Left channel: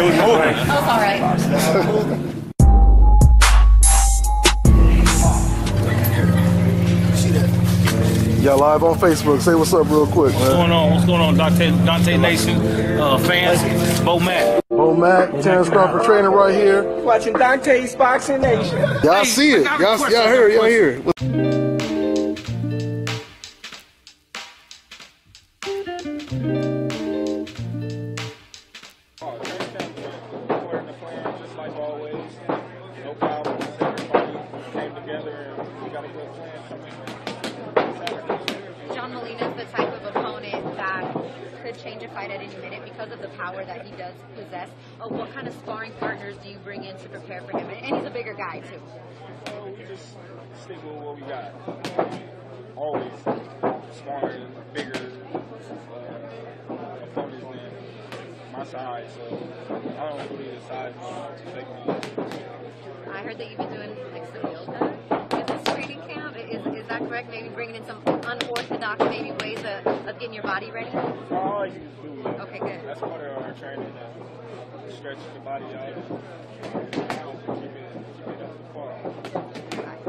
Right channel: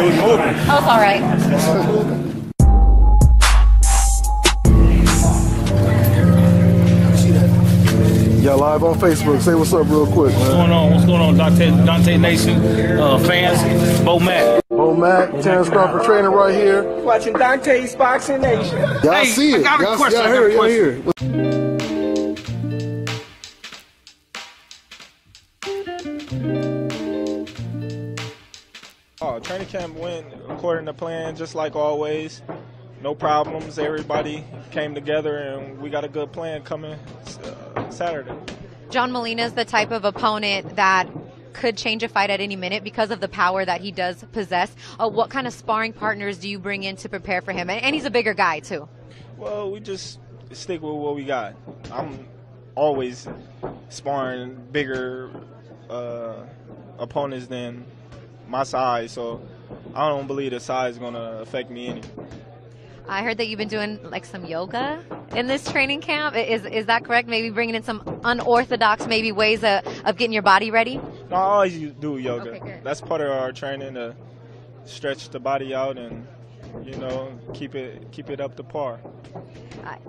It was moving. Oh, it's all right. Y'all live on Facebook. Say what's up real quick, man. What's going on? What's going on, Dante Nation fans? Bo Mac. Bo Mac, Terrence Crawford training right here. Watching Dante's Boxing Nation. Y'all see it. Y'all hear it. Y'all hear it. Training camp went according to plan, just like always. No problems. Everybody came together, and we got a good plan coming Saturday. John Molina is the type of opponent that could change a fight at any minute because of the power that he does possess. What kind of sparring partners do you bring in to prepare for him? And he's a bigger guy, too. Well, we just stick with what we got. I'm always sparring bigger opponents than my size, so I don't believe the size is going to affect me any. I heard that you've been doing like some yoga in this training camp. Is that correct? Maybe bringing in some unorthodox maybe ways of getting your body ready? No, I always do yoga. Okay, good. That's part of our training, to stretch the body out and, you know, keep it up to par.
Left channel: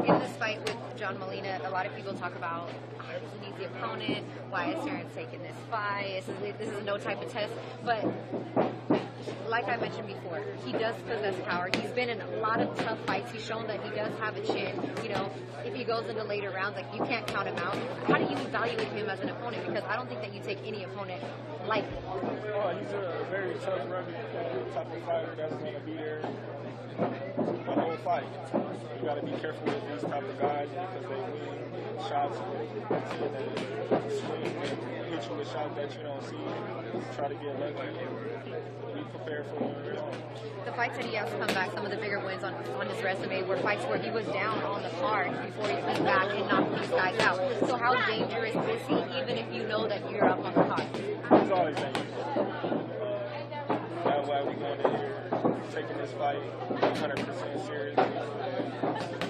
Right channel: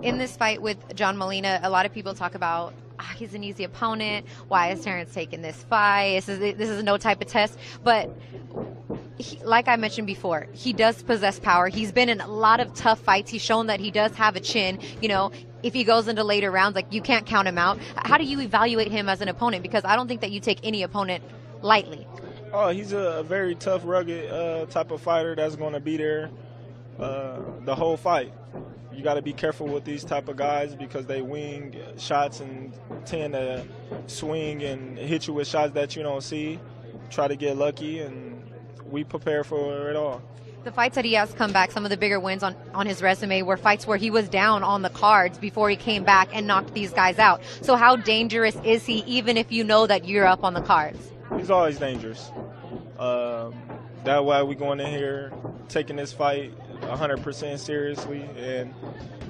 In this fight with John Molina, a lot of people talk about he's an easy opponent. Why is Terrence taking this fight? This is no type of test. But like I mentioned before, he does possess power. He's been in a lot of tough fights. He's shown that he does have a chin. You know, if he goes into later rounds, like, you can't count him out. How do you evaluate him as an opponent? Because I don't think that you take any opponent lightly. Oh, he's a very tough, rugged type of fighter that's going to be there the whole fight. You got to be careful with these type of guys because they wing shots and tend to swing and hit you with shots that you don't see. Try to get lucky, and we prepare for it all. The fights that he has come back, some of the bigger wins on his resume were fights where he was down on the cards before he came back and knocked these guys out. So how dangerous is he, even if you know that you're up on the cards? He's always dangerous. That's why we're going in here taking this fight 100% seriously, and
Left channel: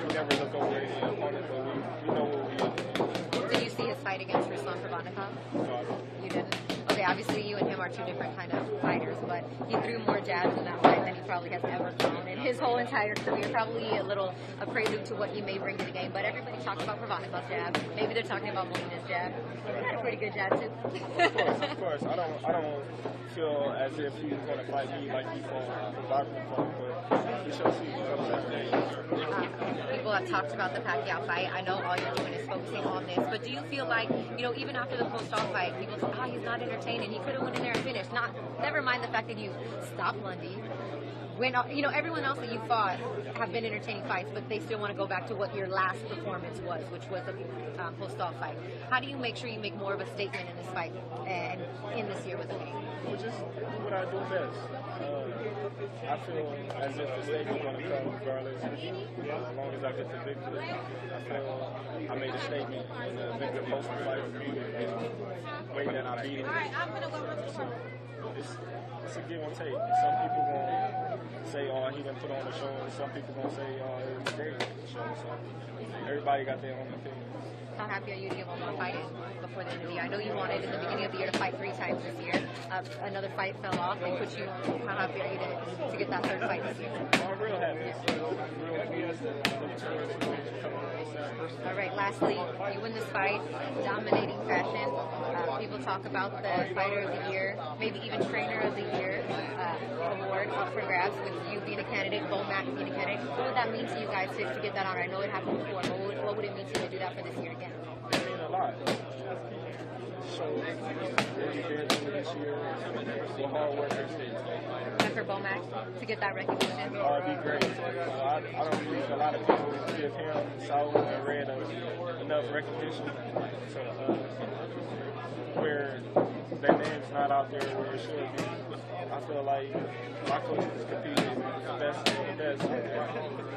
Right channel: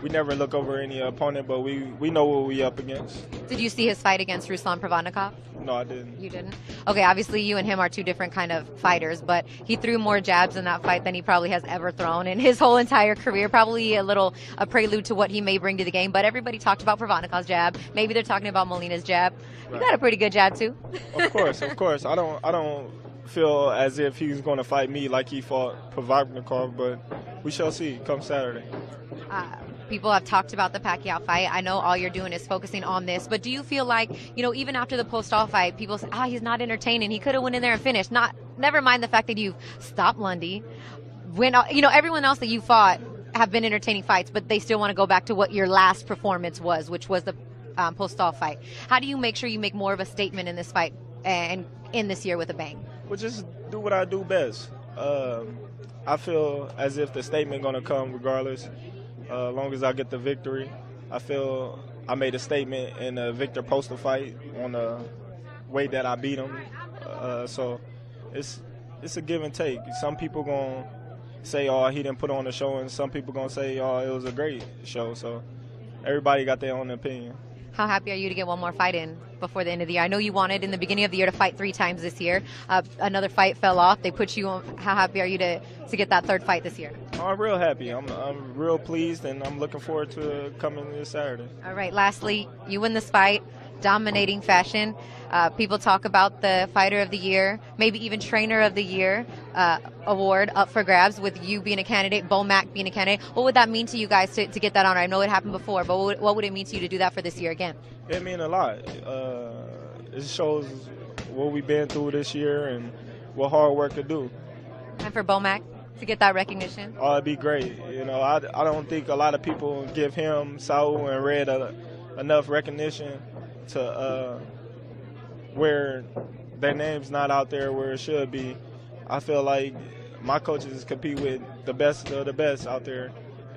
we never look over any opponent, but we know what we up against. Did you see his fight against Ruslan Provodnikov? No, I didn't. You didn't? Okay, obviously you and him are two different kind of fighters, but he threw more jabs in that fight than he probably has ever thrown in his whole entire career. Probably a prelude to what he may bring to the game, but everybody talked about Provodnikov's jab. Maybe they're talking about Molina's jab. You got a pretty good jab too. Of course. I don't feel as if he's going to fight me like he fought Provodnikov, but we shall see come Saturday. People have talked about the Pacquiao fight. I know all you're doing is focusing on this, but do you feel like, you know, even after the POSTOL fight, people say, he's not entertaining. He could have went in there and finished. Never mind the fact that you stopped Lundy. Everyone else that you fought have been entertaining fights, but they still want to go back to what your last performance was, which was the POSTOL fight. How do you make sure you make more of a statement in this fight and in this year with a bang? Well, just do what I do best. I feel as if the statement going to come regardless, as long as I get the victory. I feel I made a statement in the Victor POSTOL fight on the way that I beat him. So it's a give and take. Some people going to say, he didn't put on the show, and some people going to say, it was a great show. So everybody got their own opinion. How happy are you to get one more fight in before the end of the year? I know you wanted in the beginning of the year to fight 3 times this year. Another fight fell off. They put you on. How happy are you to get that 3rd fight this year? I'm real happy. I'm real pleased, and I'm looking forward to it coming this Saturday. All right, lastly, you win this fight, dominating fashion. People talk about the Fighter of the Year, maybe even Trainer of the Year award up for grabs with you being a candidate, Bo Mac being a candidate. What would that mean to you guys to get that honor? I know it happened before, but what would it mean to you to do that for this year again? It means a lot. It shows what we've been through this year and what hard work to do. And for Bo Mac to get that recognition? Oh, it'd be great. You know, I don't think a lot of people give him, Saul, and Red enough recognition to where their name's not out there where it should be. I feel like my coaches compete with the best of the best out there,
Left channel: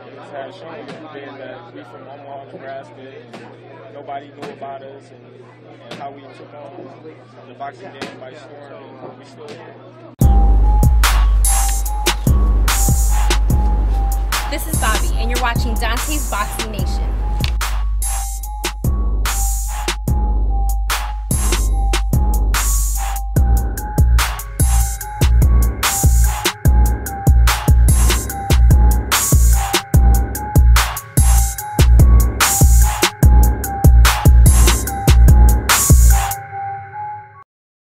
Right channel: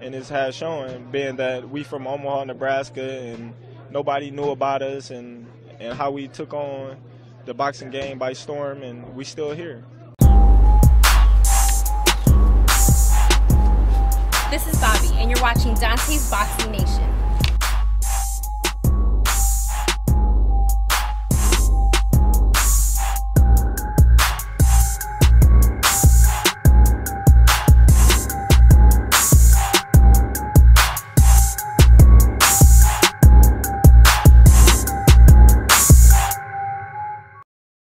and it has shown, being that we from Omaha, Nebraska, and nobody knew about us and how we took on the boxing game by storm, and we still here. This is Bobby, and you're watching Dante's Boxing Nation.